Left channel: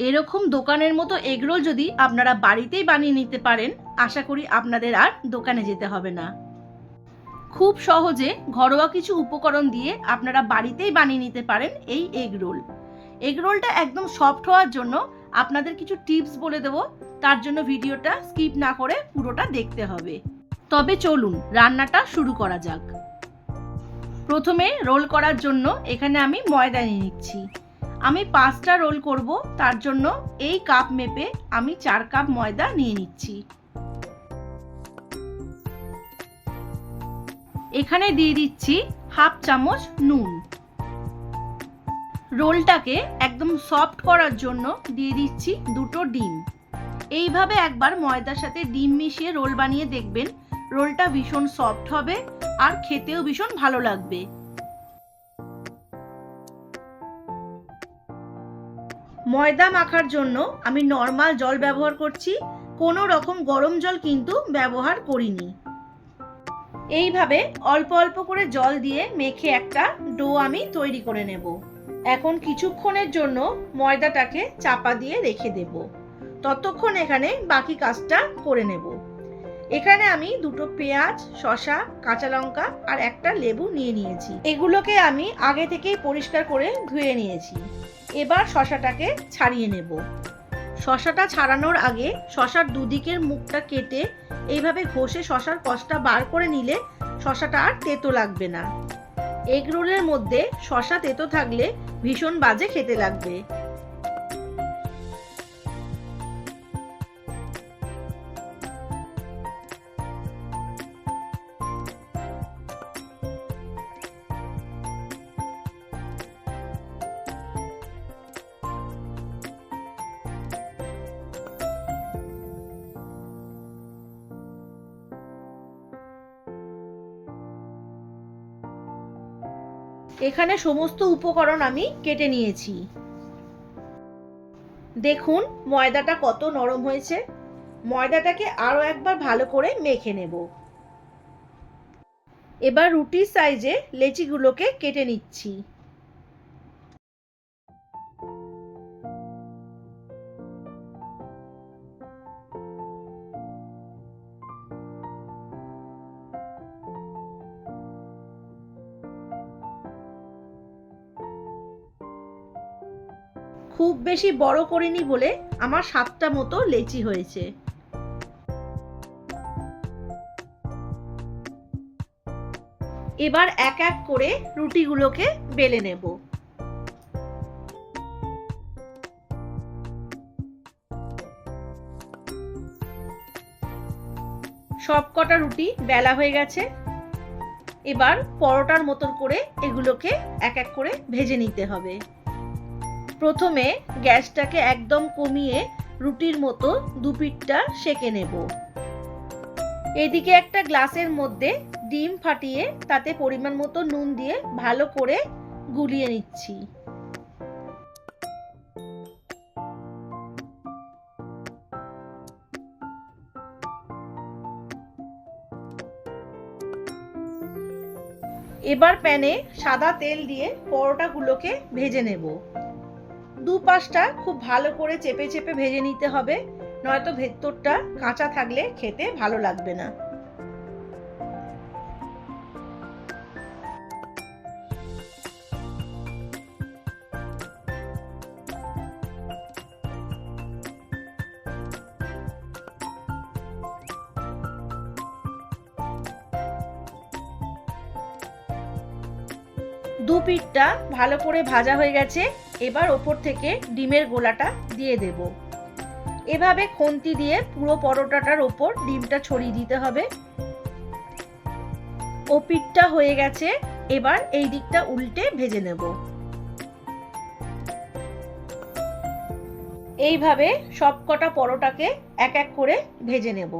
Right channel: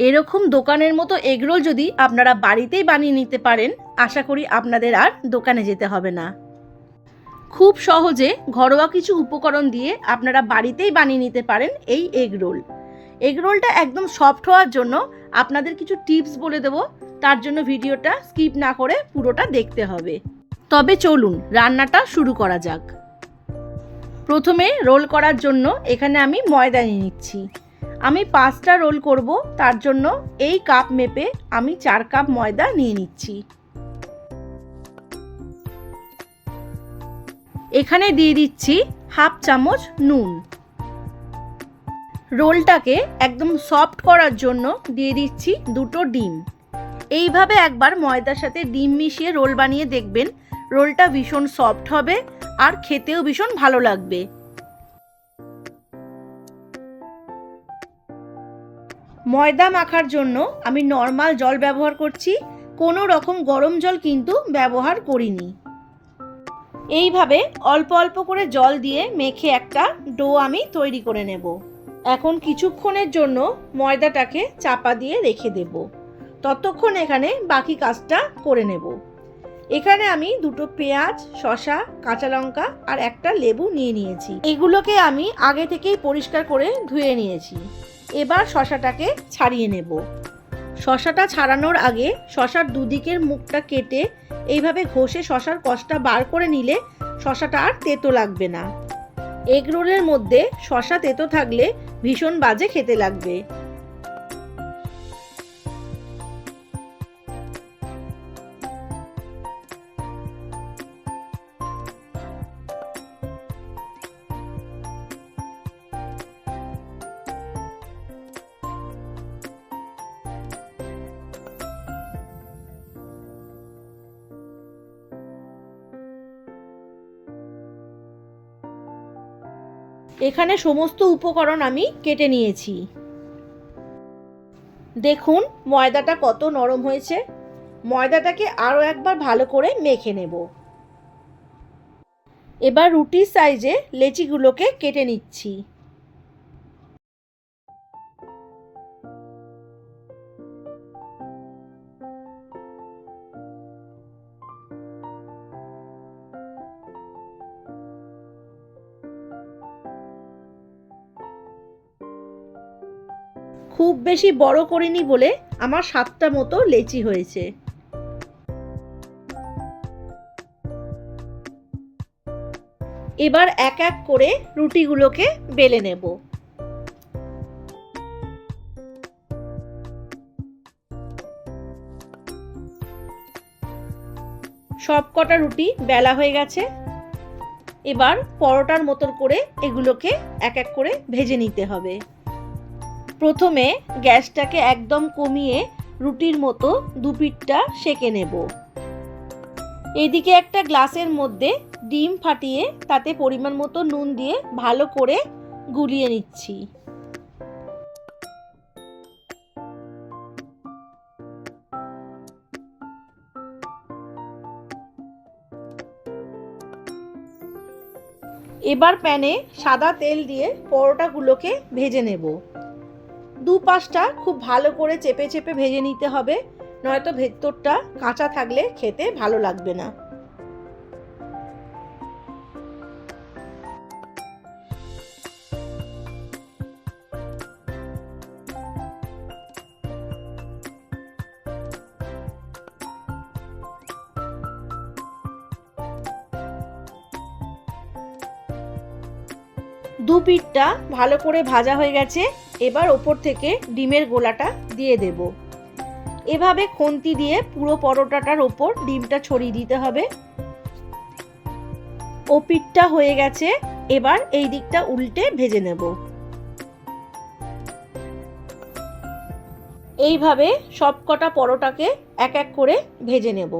এরকম দোকানের মতো এগরোল যদি আপনারা বাড়িতেই বানিয়ে নিতে পারেন, আশা করি আপনাদের আর দোকানে যেতে হবে না। খুব সহজে ঘরোয়া কিছু উপকরণ দিয়ে আপনারা বাড়িতেই বানিয়ে নিতে পারেন এই এগ রোল। এগ রোলটা একদম সফট হওয়ার জন্য আপনাদের কিছু টিপস বলে দেব, তার জন্য ভিডিওটা স্কিপ না করে পুরোটা দেখতে হবে। তবে চলুন, রান্নাটা শুরু করা যাক। প্রথমে রোল করার জন্য এখানে আমি ময়দা নিয়ে নিচ্ছি। আমি পাঁচটা রোল করব, তার জন্য এই কাপ মেপে আমি চার কাপ ময়দা নিয়ে নিচ্ছি। এখানে দিয়ে দিচ্ছি হাফ চামচ নুন। রোলটাকে একদম সফট করার জন্য দিয়ে দিচ্ছি দুটো ডিম। এইভাবে একবার ময়দার সাথে ডিম মিশিয়ে রোল বানিয়ে দেখবেন, রোলটা ভীষণ সফট হবে আর খেতেও ভীষণ ভালো লাগবে। ময়দা মাখার জন্য আমি নর্মাল জল ব্যবহার করছি, কোনো রকম গরম জল কিন্তু ব্যবহার করিনি। এইভাবে অল্প অল্প করে জল দিয়ে মেখে একটা ডো আমি তৈরি করে নেব। এখন কিছুক্ষণের জন্য ময়দাটাকে চাপা দিয়ে রেখে দেব। ততক্ষণ এখানে বাকি কাজটা করে নেব। এখানে আমি দুটো পেঁয়াজ, শসা, কাঁচা লঙ্কা আর একটা লেবু নিয়ে নিয়েছি। এগুলোকে আমি আগে থেকেই পরিষ্কার করে ধুয়ে নিয়েছি। এবার শশাটাকে ছাড়িয়ে নেব। শশাটা ছাড়ানোর আগে শশার দুদিকের মুখটা কেটে এইভাবে ঘষে শশার কষটা বার করে নিলে শশাটা আর তেতো লাগবে না। এগ রোলের মধ্যে শশা তেতো থাকলে ভীষণ বাজে খেতে লাগবে। এখানে সমস্ত উপকরণ আমি কেটে নিয়েছি। দেখুন, ময়দাটা কত নরম হয়েছে। ময়দাটাকে আরও একবার ভালো করে মেখে নেব। এবার রুটির সাইজে লেচিগুলোকে কেটে নিচ্ছি। খুব বেশি বড় করিনি বলে আমার সাতটা মতো লেচি হয়েছে। এবার এক এক করে রুটিগুলোকে বেলে নেব। সব কটা রুটি বেলা হয়ে গেছে। এবার পরোটার মতন করে এগুলোকে এক এক করে ভেজে নিতে হবে। প্রথমে গ্যাসটাকে একদম কমিয়ে রুটির মতো দুপিটটা সেকে নেব। এদিকে একটা গ্লাসের মধ্যে ডিম ফাটিয়ে তাতে পরিমাণ মতো নুন দিয়ে ভালো করে গুলিয়ে নিচ্ছি। এবার প্যানে সাদা তেল দিয়ে পরোটাগুলোকে ভেজে নেব। দু পাশটা খুব ভালো করে চেপে চেপে ভেজে নিতে হবে। নয়তো ভেতরটা কাঁচা থাকলে খেতে ভালো লাগবে না। দু পিঠটা ভালো করে ভাজা হয়ে গেছে। এবার ওপর থেকে ডিমের গোলাটা দিয়ে দেব। এভাবে খুন্তি দিয়ে পুরো পরোটাটার ওপর ডিমটা ছড়িয়ে দিতে হবে। ও পিঠটা হয়ে গেছে, এবার এই দিকটা উল্টে ভেজে নেব। এইভাবে সব কটা পরোটাকে এক এক করে ভেজে নেব।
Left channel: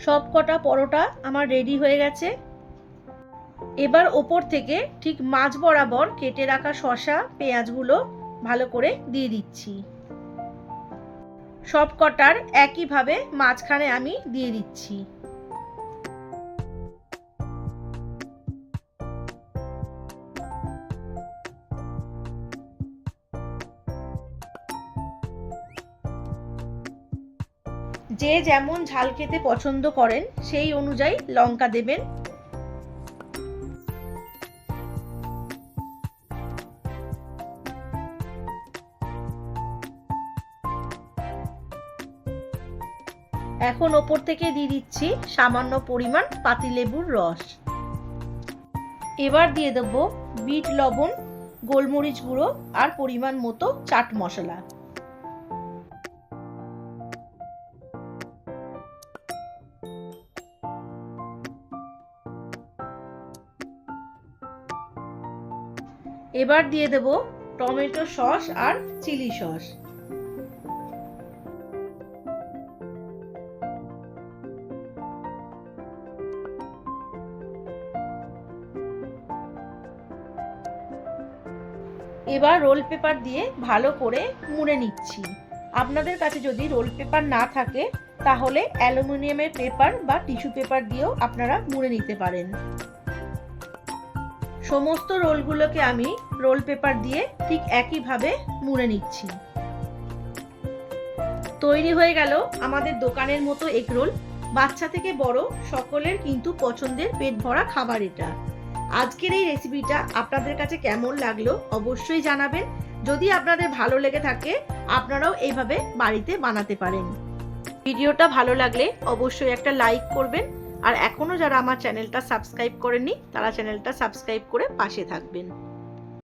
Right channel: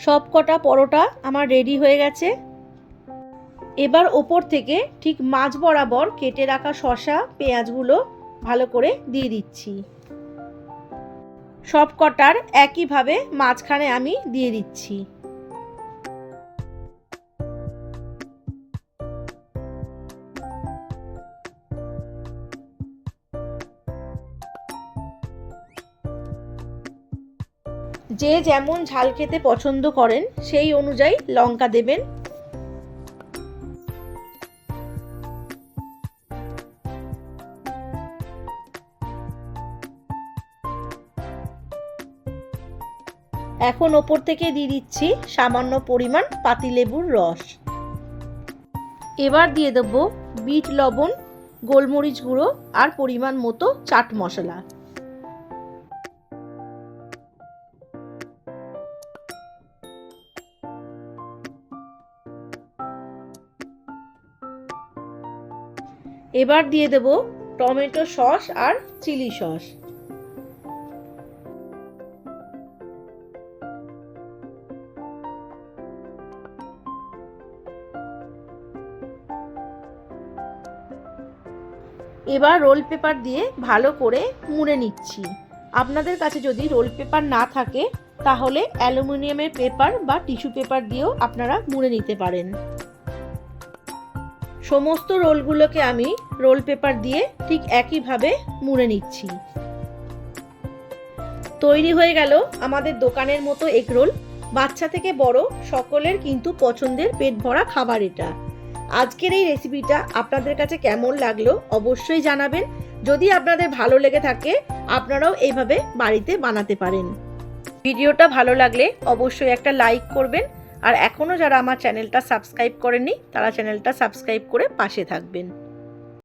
সব কটা পরোটা আমার রেডি হয়ে গেছে। এবার ওপর থেকে ঠিক মাছ বরাবর কেটে রাখা শশা পেঁয়াজগুলো ভালো করে দিয়ে দিচ্ছি। সব কটার একইভাবে মাঝখানে আমি দিয়ে দিচ্ছি। যে যেমন ঝাল খেতে পছন্দ করেন, সেই অনুযায়ী লঙ্কা দেবেন। এখন ওপর থেকে দিয়ে দিচ্ছি সামান্য পরিমাণ পাতিলেবুর রস। এবার দিয়ে দেব বিট লবণ, গোলমরিচ গুঁড়ো আর পরিমাণ মতো চাট মশলা। এবার দিয়ে দেব টমেটো সস আর চিলি সস। এবার রোল পেপার দিয়ে ভালো করে মুড়ে নিচ্ছি। আপনাদের কাছে যদি রোল পেপার না থাকে, তাহলে অ্যালুমিনিয়ামের পেপার বা টিস্যু পেপার দিয়েও আপনারা মুড়ে নিতে পারেন। সমস্ত রোলগুলোকে আমি রোল পেপার দিয়ে ঠিক একইভাবে মুড়ে নিচ্ছি। তৈরি হয়ে গেল আমাদের দোকানের মতো এগ রোল। বাচ্চা থেকে বড় সকলের কিন্তু পছন্দের পেট ভরা খাবার এটা। আজকের এই রেসিপিটা আপনাদের কাছে কেমন লাগল অবশ্যই জানাবেন। যদি আপনাদের ভালো লেগে থাকে, আপনারাও এইভাবে বাড়িতে বানাতে পারেন। ভিডিওটা ভালো লাগলে অবশ্যই একটা লাইক করবেন আর এখনও যারা আমার চ্যানেলটা সাবস্ক্রাইব করেনি তারা চ্যানেলটা সাবস্ক্রাইব করে পাশে থাকবেন।